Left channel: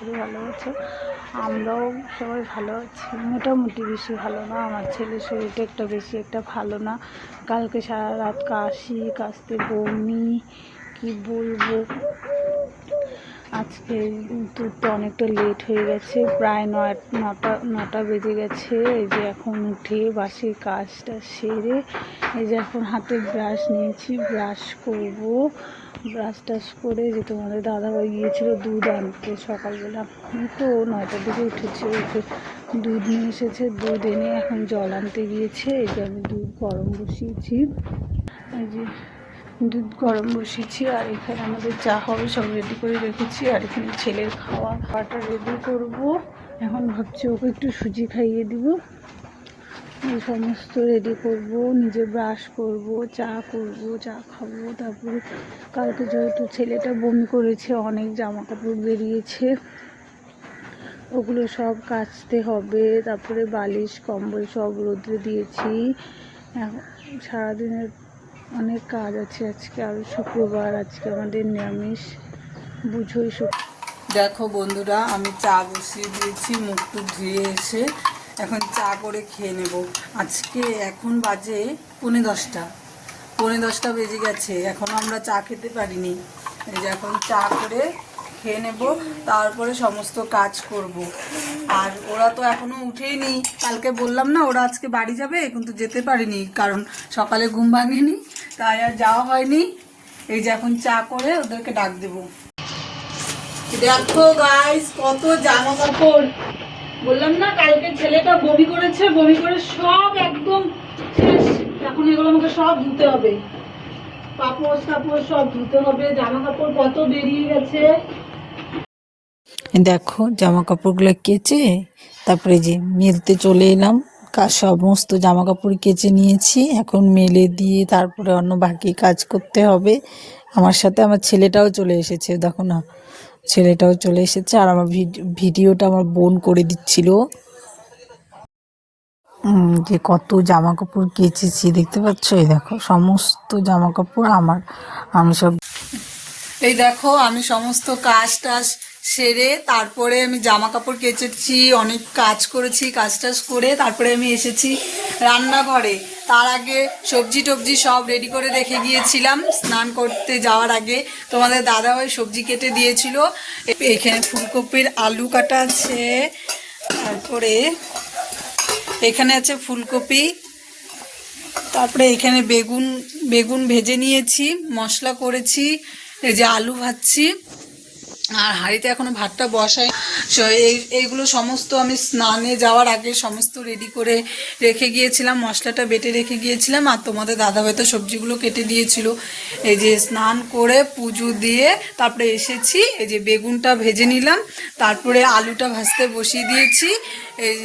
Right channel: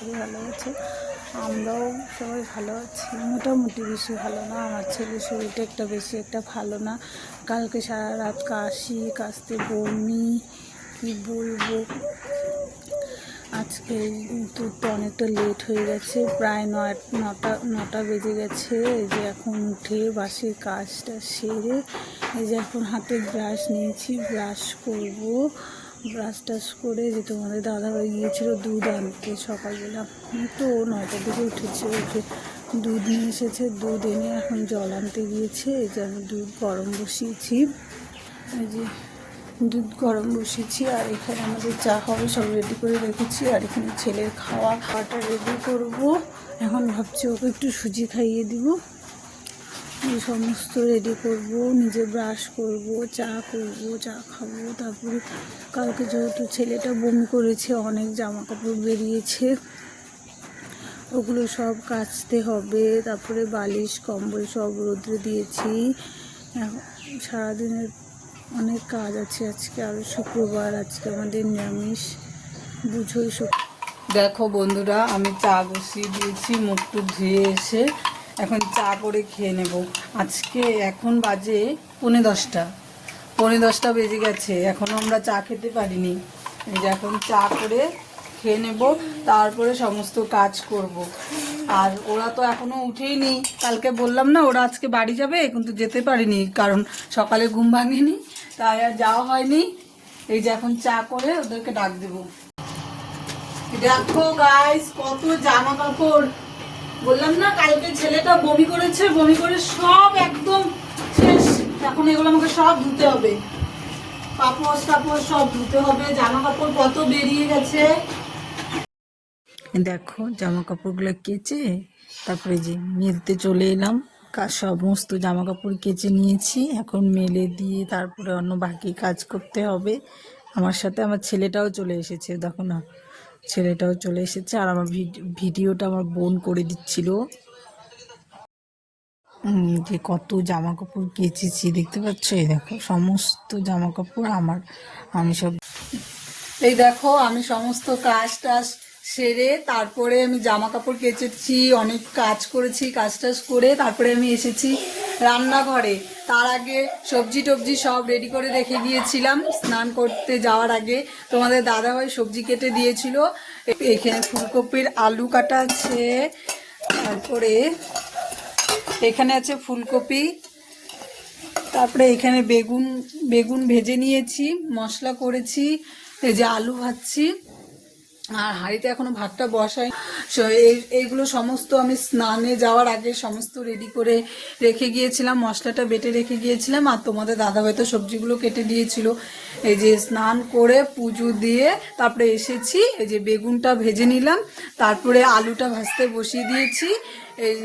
করি ভালো আছো। আমরাও সবাই ভালো আছি, মোটামুটি, বেশি ভালো না। আমার ছেলের শরীরটা বেশি একটা ভালো না। কালকে সারা রাত কাশতে বমি, কি বলবো। আজকে তো অনেকটা লেট হয়ে গেছে, প্রায় নটা বেজে গেছে। এই যে এখন উঠে বাসির কাজটা সেরে এই যে এখন হাতে ব্রাশ নিয়েছি, ব্রাশ করব। ব্রাশ টাশ করে যে তোমাদের দাদাভাই গিয়েছিল দুধ আনতে সকালবেলা, তো 9টার দিকে উঠেছে, উঠে দুধ নিয়ে এসেছে। দুধ এনে এখন জল আনতে গিয়েছে। এই যে আমি দুধ গরম বসিয়েছি, এই যে দুধ গরম বসিয়েছি। আর এখানে আমাদের চা হবে, সব রেডি করে রেখেছি। আর এখানে ছেলের খাওয়াটা রেডি করবো। এখন ভাবছি ওকে একটু সুজি খাইয়ে দিব। সমস্ত রেডি করব, নিজে ব্রাশ করব, চা করব, চা খাবো। তারপর কালকে যেহেতু ছেলেটা বমি করেছে, অনেক জামা কাপড় বেরিয়েছে, ওগুলো সব কাচতে হবে। তারপরে বালিশ কম্বল সব রোদ্রে দিয়েছি। সারাদিনের অনেক কাজ আছে আজকে। আর শুক্রবার, আজকে আমাদের নিরামিষ, বুঝোই। দেখো বন্ধুরা, আমি চা বসিয়ে দিয়েছি, মুখ টুক ধুয়ে এসে এখন চা করে খেয়ে নেব। আজকে এখন বাজে 10:15 বেজে গেছে, এখনও আমরা চা খেতে পারিনি। এই যে এখন চা করে খেয়ে নেব, তারপরে সমস্ত কাজ করব। আর ওরা তো এখনও উঠেইনি। কালকে বললাম না ওরা আজকে বাড়ি যাবে, কিন্তু যেতে পারিনি কারণ সকালে ঘুম ভাঙেনি, তাই আর যাওয়া হয়নি। এই যে এখন চা করে ওদেরকে ডাক দেবো। দেখো গাইস, কত জামা কাপড়। বললাম না কালকে ছেলেটা বমি করেছে, বমি করে সব একদম শেষ। এখন এগুলো আমাকে সব ধুতে হবে, কাপড় টাপড় সব ধুতে হবে। জামা কাপড় কত বেরিয়ে গেছে। দেখো জামা কাপড়গুলো কেচে তারপরে যে মেলতে চলে এলাম। সমস্ত জামা কাপড় কেচে নিয়েছি, এখন মেলে দিয়ে তারপরে অন্য বাকি কাজ করতে হবে। আমার সাথে আমার ছেলেটাও চলে এসেছে, দেখো না, ছেলেটাও চলে এসেছে। আর আমার ভিডিওটা আমার বোন করে দিচ্ছিল। যে কত জামা কাপড় কেচেছি দেখতে পাচ্ছ, এই দেখো সমস্ত জামা কাপড় আমার। আমি সব, এই দেখো আমি সমস্ত কাজ টাজ সেরে তারপরে আমি জামা কাপড় কেচেছি, অনেক কাজ করেছি। কাজ টাজ করে তারপরে আমি এসেছি রান্নাঘরে। তার আগে সবজি টবজি সব রেডি করে রেখে গিয়েছিলাম স্নান করতে যাওয়ার আগে। তোমাদের দাদাভাই সবজি কেটে দিয়েছিল। এখানে ফুলকপির আলু কাটা আছে, তারপরে এখানে আছে ফুলকপি, তারপরে এখানে বেগুন ভেজে নিয়েছি, মশলা করেছি। এই যে আলু ভাজছি, আর হাঁড়িতে এখনো ভাতটা বসাই। এইগুলো সমস্ত আমি স্নানে যাওয়ার আগে সমস্ত রেডি করে রেখে গিয়েছিলাম, মশলাটা বেটে রেখে গিয়েছিলাম। আর তোমাদের দাদাভাই তো সবজিগুলো কেটে দিয়েছিল। এই যে স্নান করে পুজো দিয়ে তারপরে এসেছি। এই যে বেগুনটা ভেজে নিলাম, তারপরে আলুটা ভাজতে বসিয়ে দিয়েছি। এই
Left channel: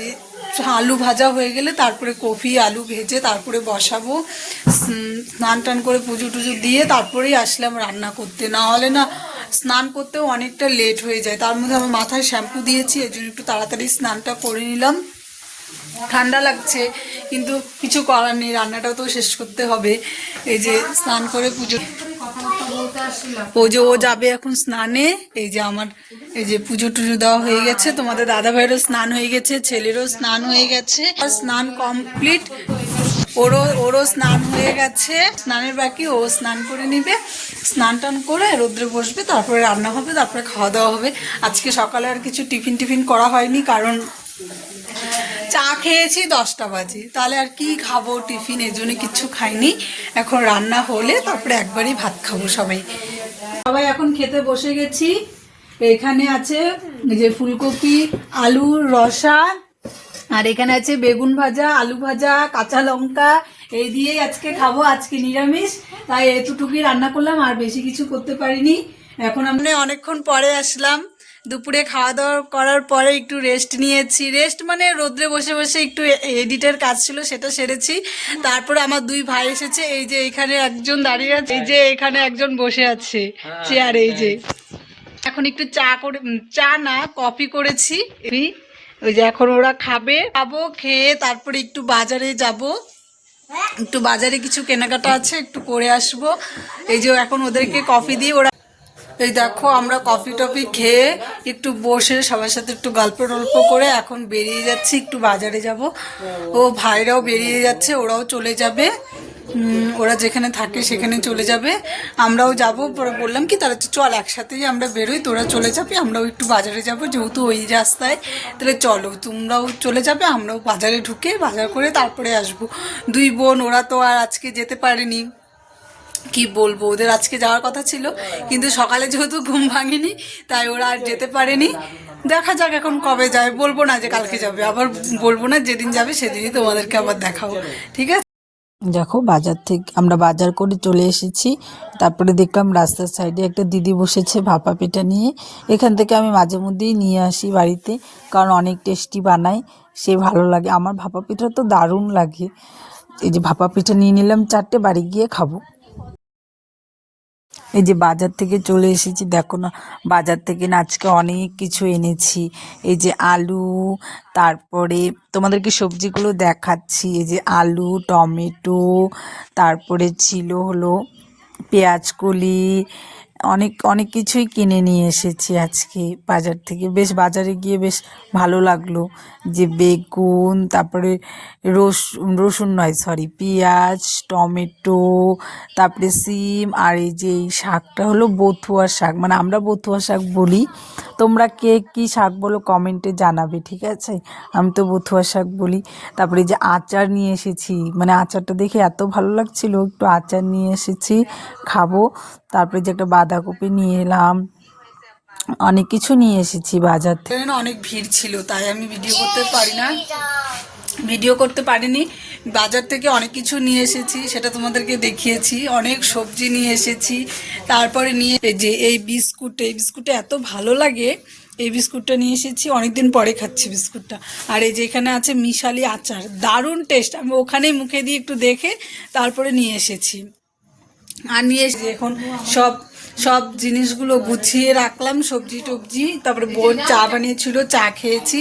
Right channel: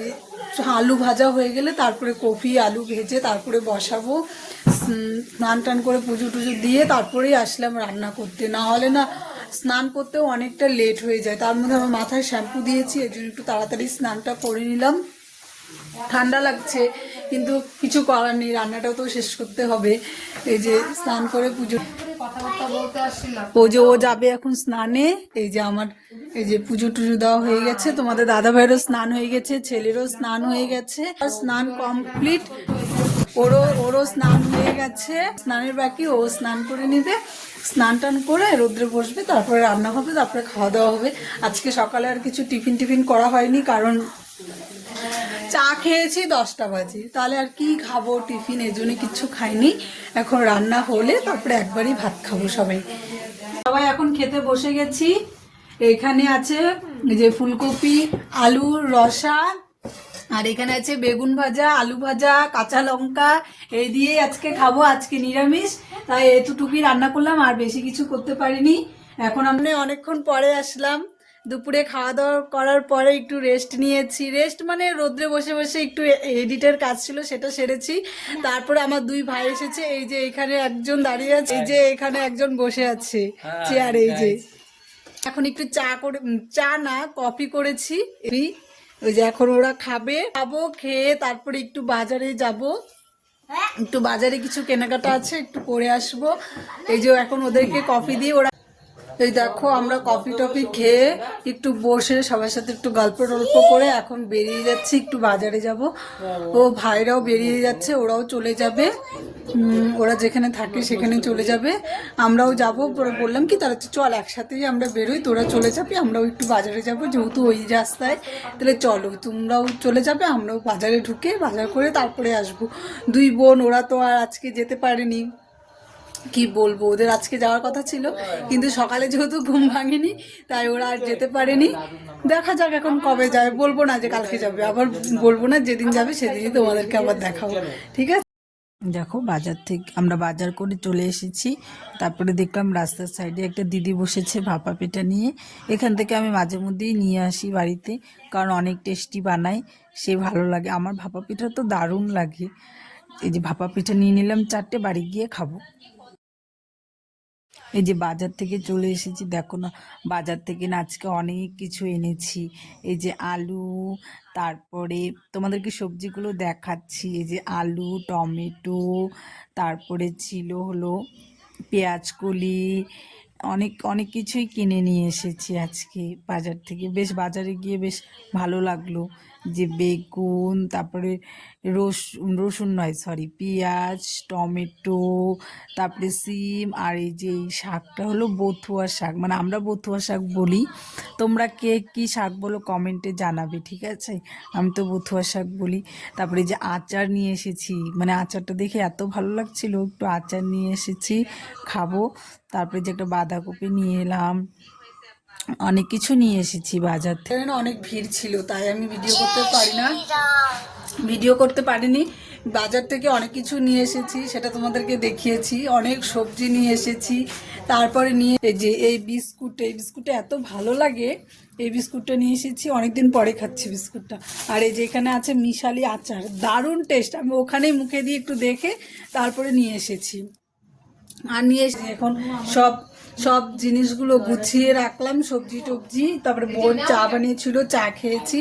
আলু ভাজা হয়ে গেলে তারপরে কপি আলু ভেজে তারপরে বসাবো। স্নান টান করে পুজো টুজো দিয়ে তারপরেই আসলাম রান্না করতে, না হলে না স্নান করতেও অনেকটা লেট হয়ে যায়। তার মধ্যে আমি মাথায় শ্যাম্পু দিয়েছি, এর জন্য একটু তাড়াতাড়ি স্নানটা করে নিলাম। ঠান্ডা লাগছে কিন্তু কিছু করার নেই, রান্নাটাও তো শেষ করতে হবে। এই যে স্নান করে পুজো, কথাবার্তা বলতে আসছিলাম। ও যাবে এখন স্নানে। এই যে আমার এই যে পুজো টুজো দেওয়া হয়ে গেছে, তোমাদের দাদা ভাইয়েরও স্নান হয়ে গেছে, ছেলেরও স্নান হয়ে গেছে, স্নান কমপ্লিট। ওরও স্নান হয়ে গেছে, স্নানের বাকি, ও স্নান করে নিবে। স্নান টান করে রোদ্রে বসবে, তারপরে রান্না হবে, তারপরে খাওয়া দাওয়া হবে। আজকে সকালে আর কিছু টিফিন করা হয়নি, কারণ চা খেয়েছি 10টা বাজে, তাহলে আর কি খাবো টিফিন, এই জন্য কিচ্ছু খাইনি। এখন রান্না হলে তারপরে একবারই ভাত খাবো সবাই। এখন খেতে বসে গেছি। এখানে আছে যে ফুলকপি আলুর রসা, আর এখানে আছে বেগুন ভাজা, আলু ভাজা, কাঁচা লঙ্কা, এই দিয়ে আজকে খাবো। আজকে নিরামিষ, তাই এতটুকুই রান্না করলাম, আর বেশি কিছু করতে পারিনি। এখন আমি অনেকক্ষণ পরে আসলাম, দুপুরে খাওয়া দাওয়া করার পরে একটু রেস্ট নিয়েছি। রেস্ট মানে রোদ্রে বসে বসে একটু এডিটের কাজ ছিল, সেটা সেরেছি। তারপরে আমার দুই ভাই এসেছে, এই যে এখানে একজন দাঁড়িয়ে আছে, এই যে এখানে একজন বসে আছে চেয়ারে। এই যে এখন একটু চা না কফি করেছি, ওই যে এখন ওরা খাবো, খেয়ে তারপরে একটু বাজারে যাব, একটু বাজারে কিছু কেনাকাটা আছে, একটু করে আসবো। এই যে এখন ওদেরকে কফি দিই, ওরা এই দেখো আমরা কফি টফি খেয়ে একটু বসে সবার সাথে একটু গল্প টল্প করে এখন বেরিয়ে যাচ্ছি, একটু বাজারে যাব। ও ভাইরাও বেরিয়ে যাচ্ছে, ওরাও চলে যাবে, ওরা যেখানে থাকে সেখানে চলে যাবে, আমরাও যাবো। পরে বললাম কি তাহলে চল একসাথেই আমরা বেরোই, তোরা চলে যাবে আমরাও একটু বাজারে যাব, যেহেতু ওই রাস্তায়, তাহলে চলো তোমরাও চলে যাবে, আমরাও বাজারে ঢুকে বাজার করে তারপরে আসবো। দুই বোন, ওরা তো আর আজকে যেতে পারেনি, কি বলবো, ওদের আজকে যাওয়ার কথা ছিল কিন্তু সকালে যেহেতু ঘুম ভাঙেনি তাই ওরা আর যেতে পারেনি। দেখা যাক এখন কবে যাবে, বলবো না যে কালকে যাবে, আবার বলবো না যেদিন যাবে সেদিনই তোমাদেরকে আবার দেখাবো, ঠিক আছে। দেখো বাজার থেকে আমরা বাজার করে চলে এসেছি, তারপরে দেখলাম রাস্তার সাইডে একটা দিদি বসেছে ভাপা পিঠা নিয়ে। এখান থেকে আমি মাঝে মধ্যেই নিয়ে আসি বাড়িতে, কারণ অনেক টেস্টি বানায়, সে ভালো লাগে। আমার ভাপা পিঠা তো দারুণ লাগে। এই যে ভাপা পিঠা নিয়ে নিলাম 4টে, বাড়ি গিয়ে খাবো। এই যে বাজার থেকে চলে এসেছি, দেখো না বাজার থেকে না আজকে অনেক কিছু এনেছি। এই যে আলু, তারপরে তোমাদেরকে সবজিগুলো দেখাচ্ছি। এই যে আলু, টমেটো, তারপরে ছিল হলো পেঁয়াজকলি, অনেক অনেক কিছুই কিনে নিয়ে এসেছি আজকে বাজার থেকে। বেশ বাজারে গিয়ে বেশ ভালো লাগলো। যে বেগুন, তারপরে রসুন নয় সরি পেঁয়াজ, টমেটো, তারপরে সিম, আর এই যে এই শাকটা হলো বথুয়া শাক, মানে আমরা বথুয়া শাক বলি, তোমরা কে কী শাক বলো কমেন্টে জানাবে, ঠিক আছে। আমি তো বথুয়া শাক বলি। তারপরে যে আচার নিয়ে এসেছি, মানে আচারটা দেখে এত ভালো লাগছিল, একটু আচার নিয়ে এসেছি, খাবো। তারপরে যে একটা বাঁধাকপি নিয়ে এলাম, অনেক কিছু নিয়ে এসেছি বাজার থেকে। অনেক ভিড় ছিল তাই আমি ভিডিও করতে পারিনি। বাজার থেকে অনেক কিছু নিয়ে এসেছি, সেটা তোমাদেরকে দেখিয়েছি। অনেক সবজি নিয়ে এসেছি, তারপরে নিয়ে এই বিস্কুটটা এত ভালো লাগে, এই বিস্কুটটা নিয়ে এসেছি, অনেকদিন পরে খাচ্ছি বিস্কুটটা। আর এই যে এখানে আছে মিশালি আচার, দারুণ টেস্ট, আমি ওখানেই মুখে দিয়ে একটু দেখে তারপরে নিয়ে এসেছি। আর নিয়ে এসেছি এখন সব সব জিনিসগুলো গুছিয়ে রাখলাম, সবজি টবজি। তারপরে বোন চা বানিয়েছিল, চা খেয়েছি।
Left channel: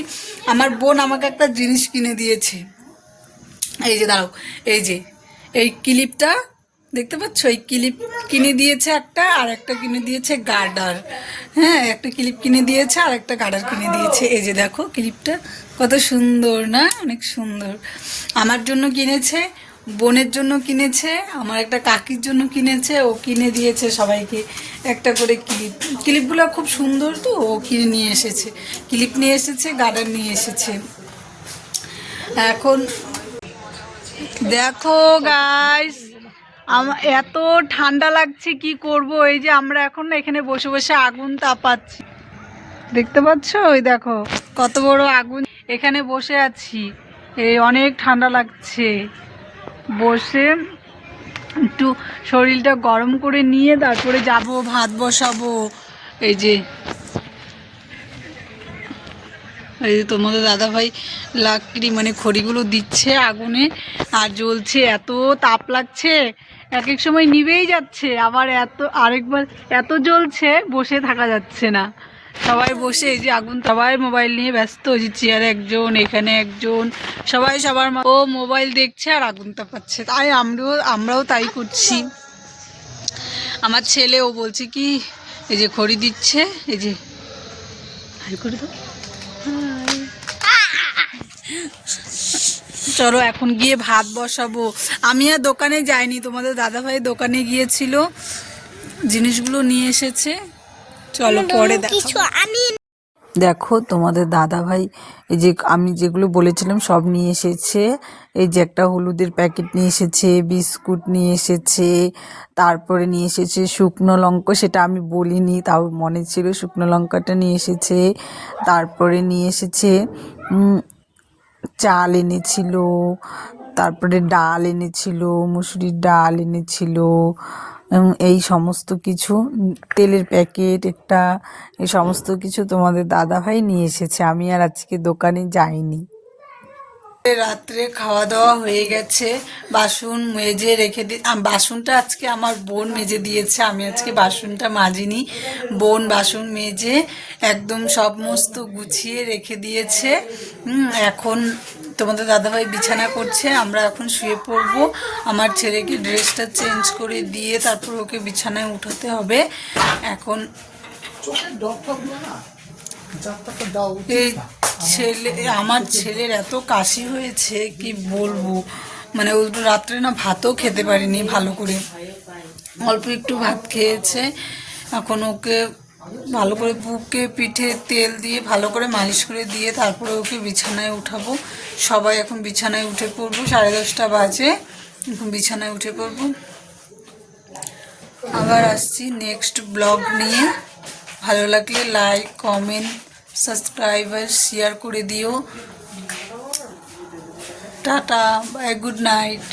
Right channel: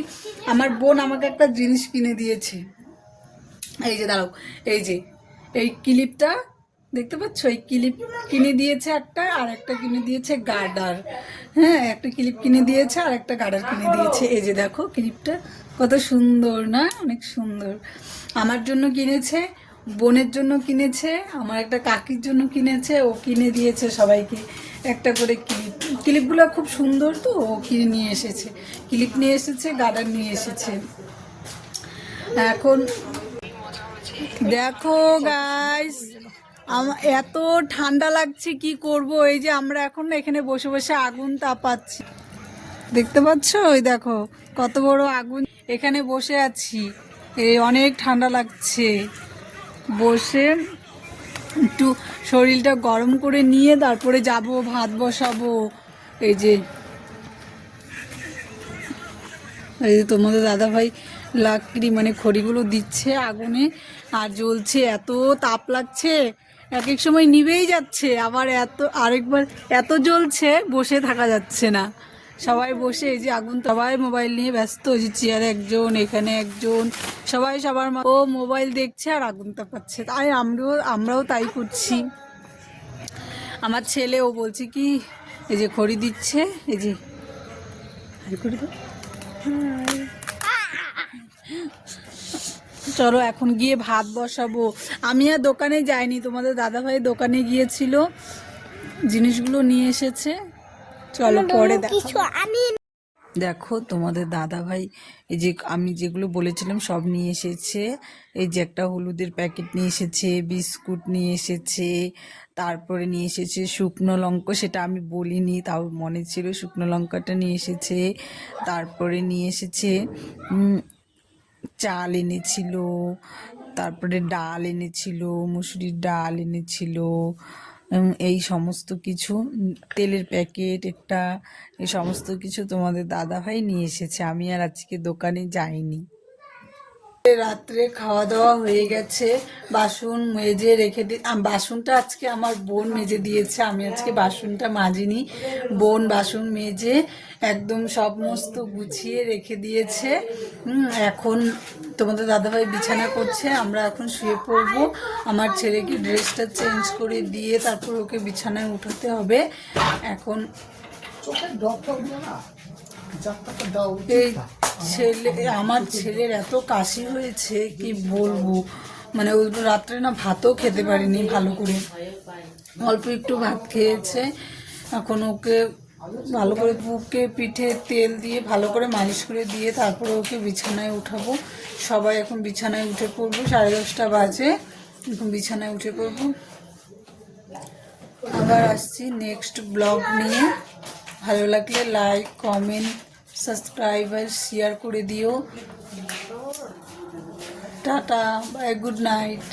আমার বোন আমাকে একটা জিনিস কিনে দিয়েছে, এই যে দাঁড়াও, এই ক্লিপটা দেখতে পাচ্ছ, এই ক্লিপ কিনে দিয়েছে একটা, আর একটা কিনে দিয়েছে গার্ডার। হ্যাঁ, একটা ক্লিপ কিনে দিয়েছে আর একটা গার্ডার কিনে দিয়েছে। এই যে দেখো ক্লিপটা কত সুন্দর না, অনেক সুন্দর। আমার জন্য কিনেছে, বোনের জন্য কিনেছে, আমার একটা কাকির জন্য কিনেছে, ও কিনে দিয়েছে সবাইকে একটা করে ক্লিপগুলো খুব সুন্দর, তো ও কিনে নিয়ে এসেছে, ক্লিপ নিয়ে এসেছে, গার্ডার নিয়ে এসেছে। এখন দেখো গাইস, এত ঠান্ডা লাগছে, কি করব। এই যে আমরা এখন এখানে বসে বসে আগুন তাপাচ্ছি, দেখতে পাচ্ছ, ওই দেখো কত বড় আগুন, এখানে বসে আছি। এই অনেক ঠান্ডা লাগছে, বসে একটু শরীরটা গরম করে নিয়ে তারপরে যাব ভাত বসাবো। এই যে তোমাদের দাদাভাই লাকড়ি মানে খড়িগুলো দিচ্ছে আগুনে, আর জ্বলছে, এত তাপ লাগছে, এক এক সময় নিভেই যাচ্ছে, আবার আরেকবার এত জ্বলছে বসে থাকা যাচ্ছে না। সবাই বসে এই যে আগুন, সবাই মোবাইল নিয়ে ব্যস্ত, ওই যে চেয়ারে একজন, এখানে একজন, সবাই সবার ও মোবাইল দেখছে আর আগুন তাপাচ্ছে। তাই আমরাও তাই করছি। আমার ছেলেও বলছে কি, এই যে খড়ি দিচ্ছে, এই যে চলো এখন গিয়ে ভাত বসাবো। আমি আর দোকানে যাইনি, তোমাদের দাদাভাই দোকানে গিয়েছিল, জিনিসগুলো নিয়ে এসেছে, চলো পরে দেখো তোমাদের দাদাভাই এই যে আমি যেগুলো বলেছিলাম সব নিয়ে এসেছে। এই যে একটা হলুদের প্যাকেট নিয়ে এসেছে, বিস্কুট নিয়ে এসেছে, তারপরে নিয়ে এসেছে শুকনো লঙ্কা, সেটা আমি বলিনি, তাও মনে ছিল, শুকনো লঙ্কাটা নিয়ে এসেছে। তারপরে নিয়ে এসেছে চাল এনেছিল, তারপরে ডাল এনেছিল, মুসুরির ডাল এনেছিল, এই সমস্ত কিছু, তেলের প্যাকেট একটা, এই সমস্ত কিছু তোমাদের দাদাভাই নিয়ে এসেছে। আমি আর আজকে দোকানে যাইনি। রাত্রে খাওয়া দাওয়া হয়ে গেছে, বাসন মেজে রেখে বাসনটা আজকে আমার বোন মেজে দিয়েছে, আমি আজকে বাসনটা মাজিনি। বোন বাসন মেজে একদম সমস্ত গুছিয়ে রেখে দিয়েছে। এখন তোমাদের দাদাভাই বিছানা করছে, আমরা এখন শুয়ে পড়বো। আমার ছেলেকে ড্রেসটা চেঞ্জ করে দিয়ে তারপর ওকে বিছানায় উঠাতে হবে। এখন এই ছেলে, আমার ছেলের এত কাশি হয়েছে কি বলবো, মানে ও রাত্রে না ভাতও খেতে পারেনি ভালো করে, অল্প একটু ভাত খেয়েছে। এখন ওকে ভালো করে বুকে পিঠে তেল দিয়ে ভালো করে মালিশ করে দিয়ে তারপরে ওকে বিছানায় উঠাবো। সবাই এখন বিছানায় উঠে পড়বো, 10:30 বাজে, এখন বিছানায় উঠে পড়বো। আবার আসছি নেক্সট ব্লগ নিয়ে। ভালো লাগলে লাইক, কমেন্ট, সাবস্ক্রাইব আর শেয়ার করে দিও। Tata, bye, good night.